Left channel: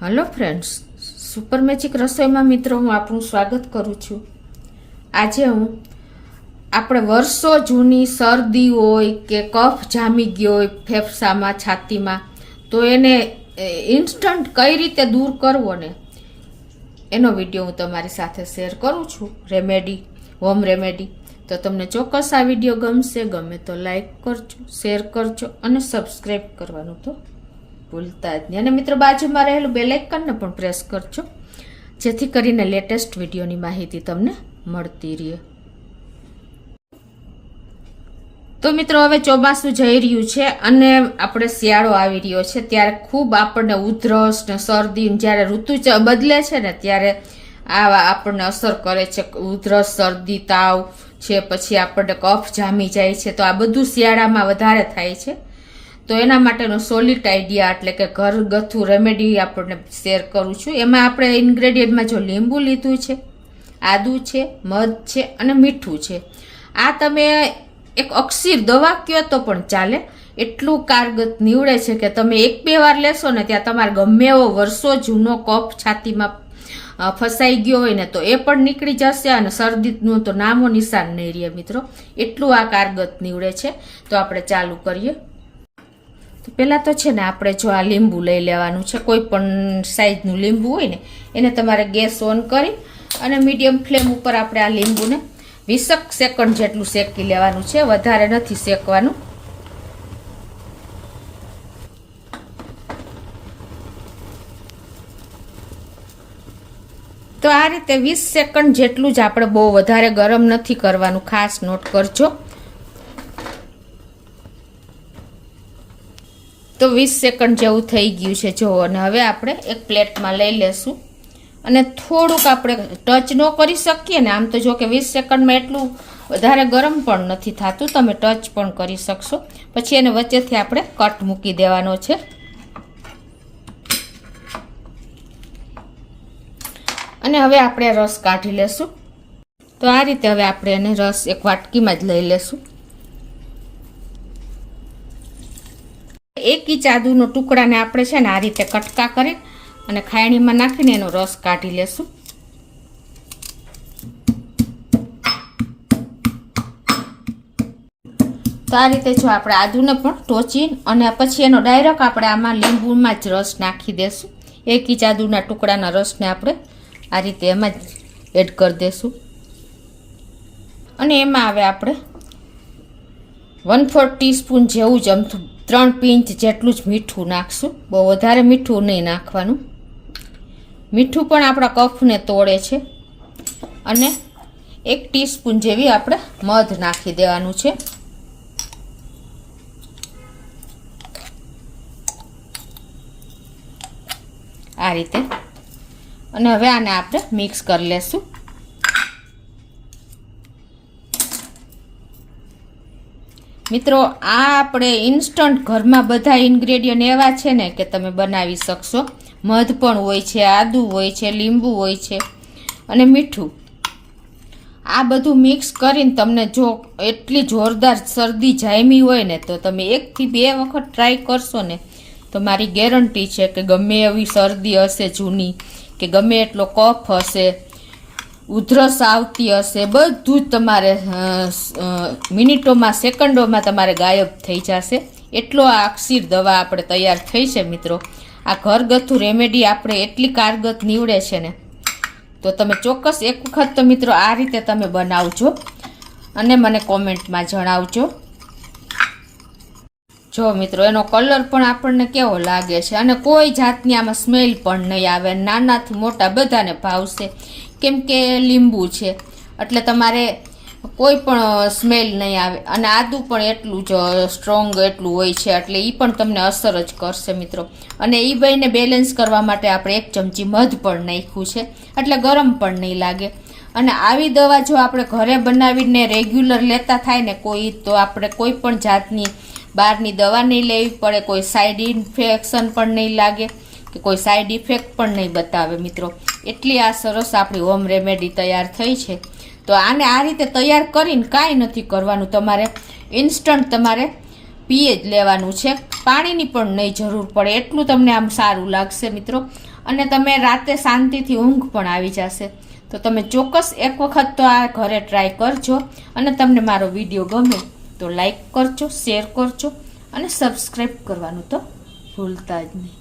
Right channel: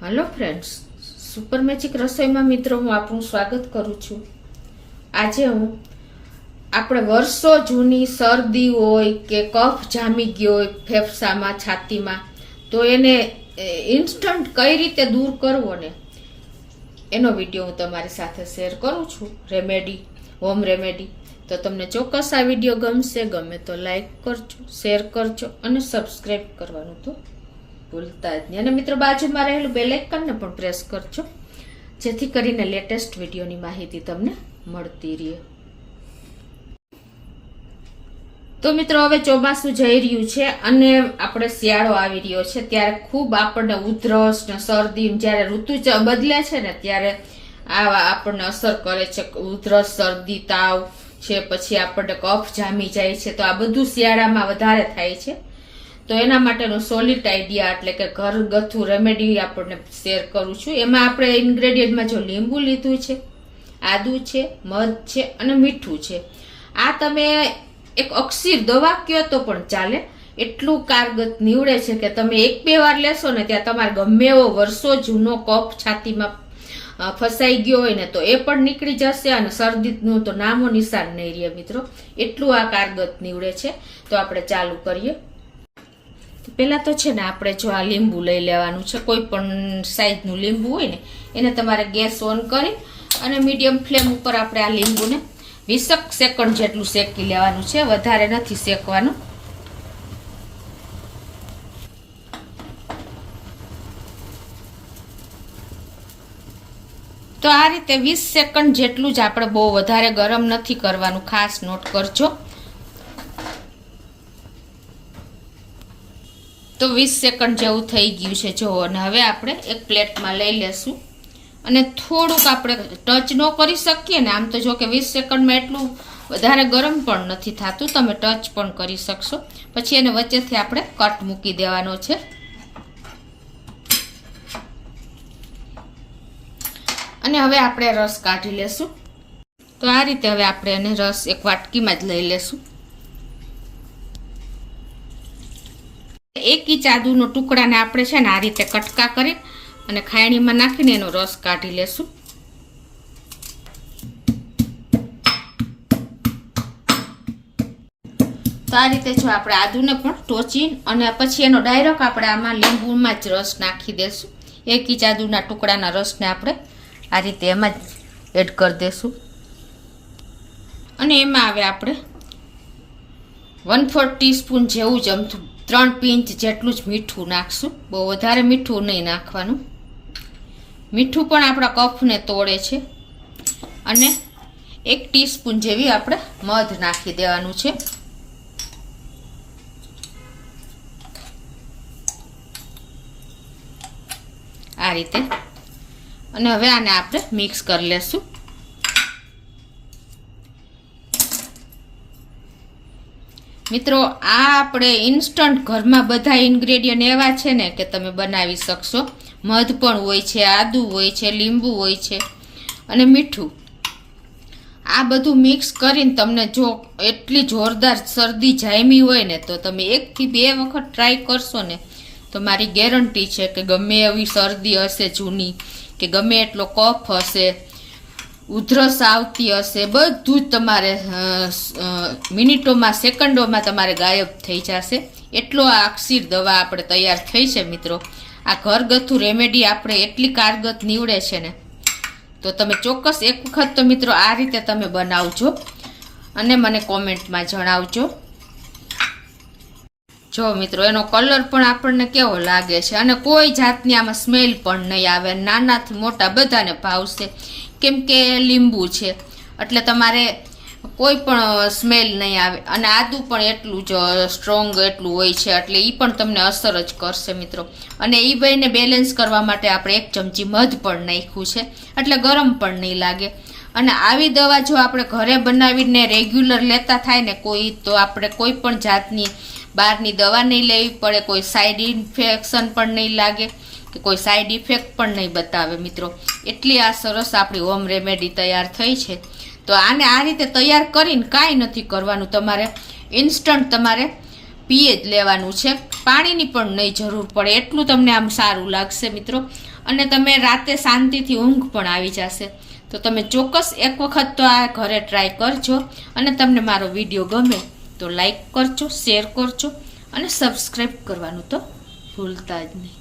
Hello friends, super magic रसोई में मित्रों हूँ आपનું સ્વાગત કરું છું। આજે હું આપણે વર્ષો જૂની શરદી હોય કે કફ જામી ગયો હોય ફેફસામાં છાતીમાં તો એને ઇન્સ્ટન્ટ કઈ રીતે દૂર કરવો ને એનો વિડિયો હું તમારી સાથે શેર કરું છું। Remedy, home remedy. તો તમને ચોક્કસ આ વિડિયો ગમશે, ગમે તો લાઈક કરજો, શેર કરજો અને સબસ્ક્રાઇબ કરવાનું તો ભૂલતા જ નહીં। અને મિત્રો બાજુમાં રહેલું બેલ આઇકનને પણ પ્રેસ કરજો જેથી કરીને લેટેસ્ટ વિડીયોની માહિતી તમને મળતી રહે। તો મિત્રો હવે ચોમાસું જઈ રહ્યું છે અને આપણે શિયાળો આવી રહ્યો છે ત્યારે ખૂબ આપણને ઉધરસ ને શરદી જ્યારે ઋતુ બદલે છે ને ત્યારે આ આપણને અસર કરે છે। ઉધરસ, શરદી, તાવ છે, પછી આપણને કફ જામી જાય છે, તો આ બધું શિયાળામાં વધારે થાય છે। તો એના માટેનો સોલિડ આઈડિયા એટલે કે ઘરગથ્થુ રેમેડી આપણને શેર કરું છું। એમાં આપણે ઇન્ગ્રેડિયન્ટમાં જો લીંબુ લીધું છે, આદુ છે, મધ છે અને મીઠું છે। આ તમે એક અક્ષીર દવા કયો તો પણ ચાલે, એટલું કારગત નીવડે છે કે તમે 1-2 વાર લેશો ને ત્યાં તમારે ગમે એવો વર્ષો જૂનો કફ છાતીમાં ફસાઈ ગયો હોય ને તો એ પણ નીકળી જશે અને શરદીનું તો નામો નિશાન નહીં રહે મિત્રો, એટલું આ કારગત નીવડે છે। તો આપણે ચાલુ કરીએ। પહેલા તો છે ને આપણે જો આ લીંબુ લઈ લેવાનું છે, કોઈ પણ સાઈઝનું લીંબુ હોય ને એને તમારે ગેસ ઓન કરી અને મીડિયમ ફ્લેમ ઉપર આપણે આ લીંબુને 20 સેકન્ડ જેટલું શેકી લેવાનું છે, વધારે નથી શેકવાનું। તો આ રીતે 20 સેકન્ડ જેટલું જ આપણે, બહુ વધારે ગરમ નથી કરવાનું, ખાસ નોટ કરજો। તો 20 સેકન્ડ જેવું થઈ ગયું છે જો, અને હવે આપણે એક પ્લેટમાં લઈ લેશું અને થોડુંક આપણે ટચ ન કરી શકીએ ને, આમ તો જો કે 20 સેકન્ડમાં એટલું વધારે ગરમ પણ નથી થતું, તમે ટચ પણ કરી શકશો। પછી એને વચ્ચેથી આપણે કટ મૂકી દેવાનો છે અને હવે આપણે રસ કાઢી લેશું। તો આ રીતે હવે આપણે એને રસ એક વાટકીમાં જ લઈ લેશું। 1 ઇંચ આદુનો ટુકડાને આપણે છે ને આ રીતે કટકા કરી અને ખાયણીમાં નાખીને એનો રસ કાઢી લેશું। તો આ રીતે જો આપણે આદુને પણ ટોચી અને પછી એનો ડાયરેક્ટ આપણે આમાં લીંબુમાં જ રસ નાખી દેશું। 1 ઇંચ આદુના ટુકડાના રસને આપણે આ રીતે એમાં જ એડ કરી દેશું અને એમાં હવે આપણે 1/4 ટીસ્પૂન જેવું જ અમથું 3 પિંચ જેટલું જ મીઠું નાખશું, બહુ વધારે મીઠું નહીં નાખવાનું। મીઠું પણ આપણા કફને તોડે છે અને 1 ટીસ્પૂન જેવી આપણે મધ નાખી દેવાનું છે। આ રીતે અને હવે આને આપણે મિક્સ કરી લેશું। મિત્રો આ આપણે ઇન્સ્ટન્ટ ઘરમાં બધા ઇન્ગ્રેડિયન્ટ એવા છે ને કે તમે બનાવી શકશો। મધ પણ હોય છે, આદુ હોય છે, લીંબુ હોય છે અને મીઠું, આ બધું મિક્સ કરીને તમને જો એટલી જોરદાર શરદી જામી હોય ને તો તમે 1 થી 2 વખત ટ્રાય કરશો ને તો મારી ગેરંટી છે કે ગમે એવી શરદી હશે જૂની કે ગમે એટલો કફ હશે, ઉધરસ આવતી હશે, બધું જ તમારે મિનિટોમાં, સેકન્ડોમાં તમારે ગાયબ થઈ જશે। એટલો આ અક્ષીર દવા આપણે તૈયાર થઈ છે મિત્રો। આ ઘરગથ્થુ રેમેડી આપણે એટલી કારગત નીવડે છે ને તો તમે ચોક્કસ એક વખત તો મિત્રો આ રીતે તમે બનાવજો અને મને કોમેન્ટમાં જણાવજો। જો મિત્રો એનો કલર પણ આપણને કેવો લાગે છે અને કોઈ જાતની આમાં સ્મેલ પણ નહીં આવે, નાનાથી મોટા બધાને ભાવશે કેમ કે લીંબુ છે એટલે તમારે કોઈ પણ સ્મેલ નહીં આવે અને આદુ પણ એટલું જ સ્ટ્રોંગ એટલું હોય છે એટલે એ પણ તમને અસર જ કરશે મિત્રો। અને એ બેને બેલેન્સ કરવા માટે આપણે 1 ચમચી મધ પણ નાખ્યું છે એટલે ગરમ પણ નહીં લાગે। અને આવી દવા જો આપણે ઘરે બનાવીને રેગ્યુલર લેતા થાય ને કોઈ, તો આપણે કોઈ પણ જાતની બહારની દવા નહીં લેવી પડે, કોઈ સાઈડ ઇન્ફેક્શન પણ નહીં લાગે કે કોઈ સાઈડ ઇફેક્ટ પણ નહીં બતાવે મિત્રો। એટલી આ સરસ આપણી હોમ રેમેડી તૈયાર થઈ છે। તો આને આ રીતે તૈયાર કરીને કાંઈ નથી કરવાનું, તમારે ઇન્સ્ટન્ટ તમારે પીએ જ લેવાનું છે, પાણીની પણ નહીં જરૂર પડે, એટલું તમને આમ સારું લાગશે મિત્રો. અને તમે રાતે શાંતિથી ઊંઘ પણ આવી જશે. તો તમે ચોક્કસ એક વખત તો આ ઘરે ટ્રાય કરજો. અને તમને મારો વિડીયો ગમે તો લાઈક કરજો, શેર કરજો અને સબસ્ક્રાઈબ કરવાનું તો ભૂલતા જ નહીં.